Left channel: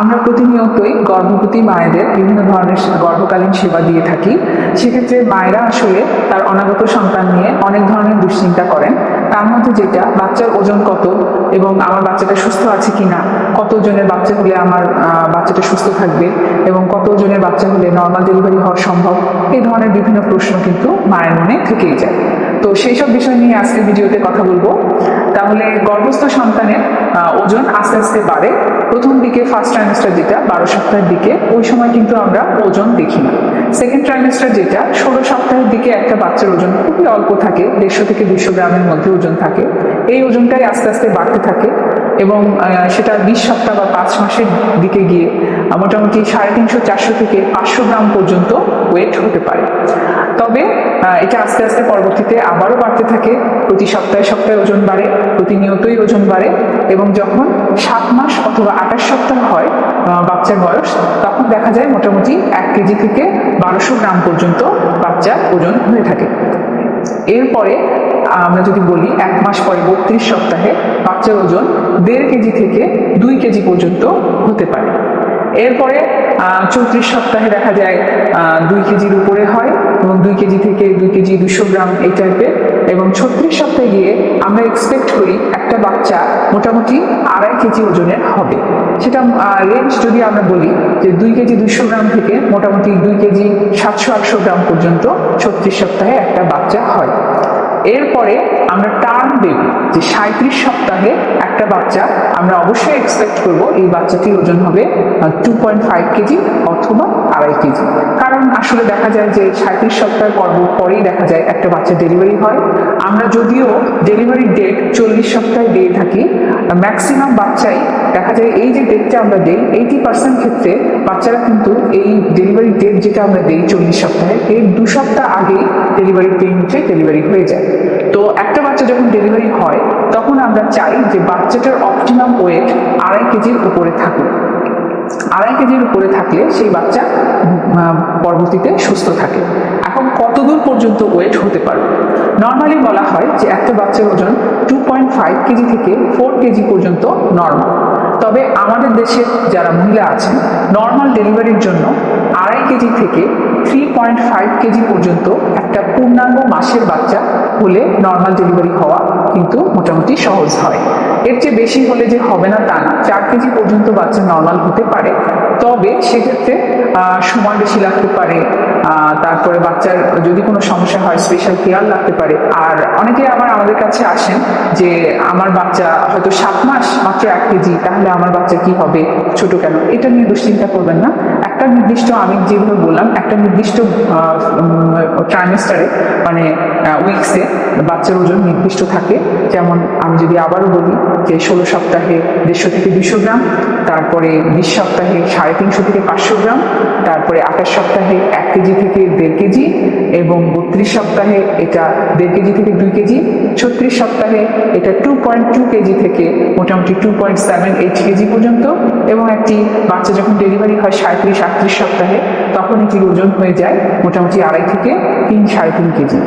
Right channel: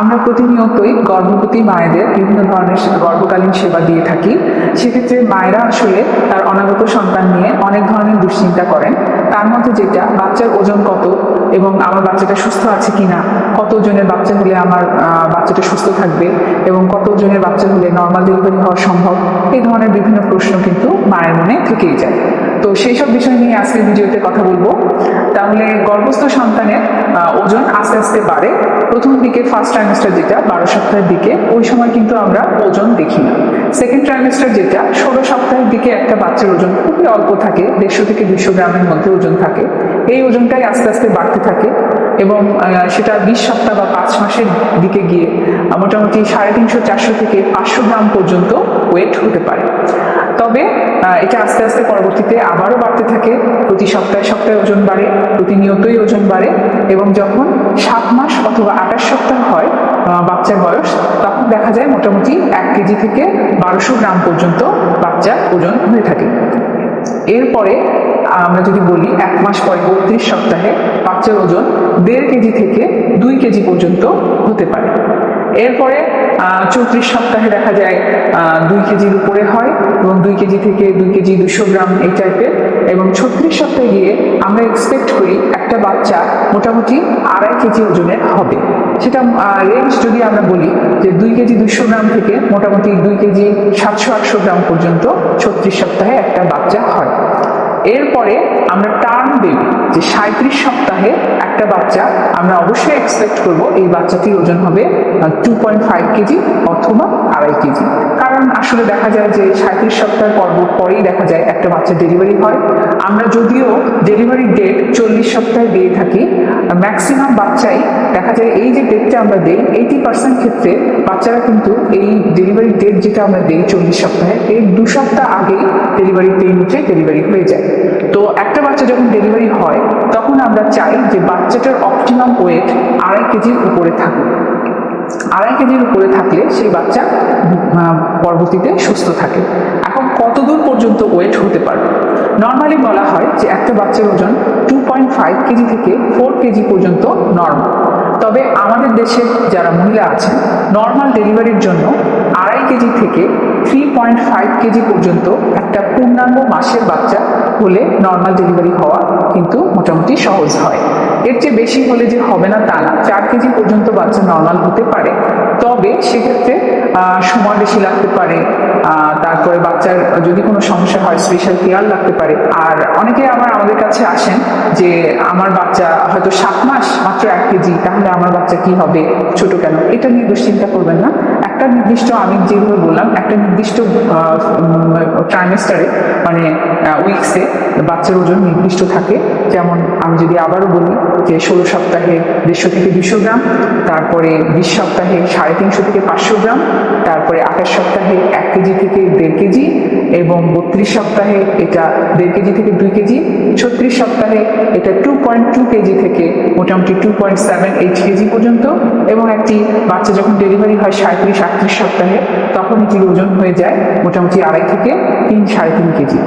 আমরা প্রতিনিয়তই গর্ভবতী মায়েদের বিভিন্ন ধরনের গর্ভকালীন সেবা দিয়ে থাকি। সেক্ষেত্রে মায়েরা আসলে তার অনাগত সন্তান নিয়ে অনেক ধরনের দুশ্চিন্তা করেন। তার মধ্যে যেটা বাচ্চার ওজন কত এবং আমার বাচ্চাটা সুস্থ আছে কিনা, কত ওজনের বাচ্চা হলে আমার বাচ্চাটা সুস্থ থাকবে এবং কত ওজনের বাচ্চা হলে নর্মাল ডেলিভারি হওয়া সম্ভব, এই ধরনের বিভিন্ন প্রশ্ন কিন্তু মায়ের মনে থেকেই যায়। তো সেই সব বিষয় নিয়ে আজকের ভিডিওতে কথা বলবো। তাহলে গর্ভস্থ সন্তানের ওজন আস্তে আস্তে বাড়ে। প্রথম দিকে ফার্স্ট ট্রাইমেস্টার যেটা 12 সপ্তাহের দিকে, ওই সময় কিন্তু আমরা ওজন দেখি না। সেকেন্ড ট্রাইমেস্টার যেটা 16 সপ্তাহের দিকে একটা বাচ্চার ওজন খুবই অল্প থাকে, 150 থেকে 200 গ্রামের মধ্যে ওজন থাকে। এই ওজনটাই আস্তে আস্তে বাড়তে থাকে এবং সেটা 20 সপ্তাহ বা 5 মাসের দিকে গিয়ে মোটামুটি 350-400 থেকে 500 গ্রাম পর্যন্ত ওয়েট হতে পারে। তবে এটা আস্তে আস্তে পরবর্তীতে আবারও বাড়তে থাকে। প্রতি সপ্তাহে সপ্তাহে ওজন বাড়ে, প্রতিনিয়তই ওজন বাড়ে এবং যখন 7 মাস অথবা 28 সপ্তাহ হয় বাচ্চার বয়স, তখন দেখা যায় মোটামুটি 1 কেজি থেকে 1200 গ্রাম পর্যন্ত বাচ্চার ওজন হয়ে থাকে। এরপরে আমরা যদি বলি 1 মাস পরে 32 সপ্তাহে বাচ্চার ওজন 1.5 কেজি থেকে 2 কেজি পর্যন্ত হতে পারে। এরপরে 34 সপ্তাহে দেখা যায় 2 কেজির উপরে হয় এবং 2 কেজি থেকে 2 কেজি 200 গ্রাম এই টাইপের। এবং 36 সপ্তাহে গিয়ে আমরা এক্সপেক্ট করি একটা বাচ্চা মোটামুটি 2.5 কেজি ওজনের হবে। সেটা রেঞ্জ যদি আমরা বলি যে 2 কেজি 200 গ্রাম থেকে মোটামুটি 2 কেজি 700-800 গ্রাম পর্যন্ত 36 সপ্তাহে একটা বাচ্চা হয়। এরপরে আমরা টার্ম বেবি যে 37 সপ্তাহে একটা বাচ্চা আমরা অবশ্যই এক্সপেক্ট করব এই বাচ্চাটির ওজন হবে 2.5 কেজি অথবা 2.5 কেজি। কারণ আসলে দেখা যায় যে 37 সপ্তাহ পরেই দেখা যায় একটা বাচ্চা ডেলিভারি হয়। আমরা যদিও ডেলিভারি ডেট 40 সপ্তাহে দিয়ে থাকি, ম্যাক্সিমাম বাচ্চাই দেখা যায় এই যে ডেটটা আমরা দেই 80% ক্ষেত্রে বাচ্চারা কিন্তু এই ডেলিভারি ডেট যেটা আমরা দেই 40 সপ্তাহে, এর 2 সপ্তাহ আগেই ডেলিভারি পেইন উঠে ডেলিভারি হয়ে যায়। তো একটা বাচ্চা যখন ডেলিভারি হয় তখন আমরা চাই যে বাচ্চাটার অপটিমাম ওয়েট 2.5 কেজির উপরে থাকুক। 2.5 কেজির উপরে থাকলে সেই বাচ্চা পরবর্তীতে সুস্থ থাকে। এখন কতদূর পর্যন্ত ওয়েট হতে পারবে? নর্মালি বলা হয় যে একটা বাচ্চার ওজন 2.5 কেজি থেকে 4 কেজি পর্যন্ত নর্মাল। তবে আমাদের দেশের যারা মহিলা আছেন নর্মাল ডেলিভারির জন্য 2.5 কেজি থেকে 3.5 কেজি পর্যন্ত একটা পূর্ণাঙ্গ মাসের বাচ্চা হলে নর্মাল ডেলিভারি হওয়া কিন্তু মোটামুটি সহজ হয়। এর চেয়ে বেশি হলে যে হবে না তা না, 4 কেজি পর্যন্ত বাচ্চা নর্মাল হতে পারে। তবে সেক্ষেত্রে সময় বেশি লাগতে পারে, তারপরে বাচ্চার যদি কোনো সমস্যা হয় স্পেশাল কেয়ার লাগতে পারে। আর অনেকে আবার আমাদের কাছে আসেন যে আমার বাচ্চা হয়তো 7 মাস মাত্র 1 কেজি, তাহলে আমার বাচ্চা কি হবে, ছোট কেন? এটা নিয়ে দুশ্চিন্তা করবেন না। একটা নির্দিষ্ট, আমি যেভাবে বললাম, একটা নির্দিষ্ট ট্রাইমেস্টারে মানে উইকসে বাচ্চার ওজন নির্দিষ্ট থাকে। যেমন আমি যদি আবারও বলি যে 16 সপ্তাহে 150 থেকে 200 গ্রাম, তারপরে 20 সপ্তাহে 350 থেকে 500 গ্রাম, তারপরে 28 সপ্তাহে 1 কেজি থেকে 1.5 কেজি এবং 32 সপ্তাহে এটা 1.5 কেজি থেকে 2 কেজি, 36 সপ্তাহে এটা 2.2 কেজি থেকে মোটামুটি 2.78 কেজি পর্যন্ত এবং একটি বাচ্চা যখন ডেলিভারি হয় 37-38 সপ্তাহে তখন এটির ওজন হয়ে যায় মোটামুটি 2.5 থেকে 3-3.5 কেজি।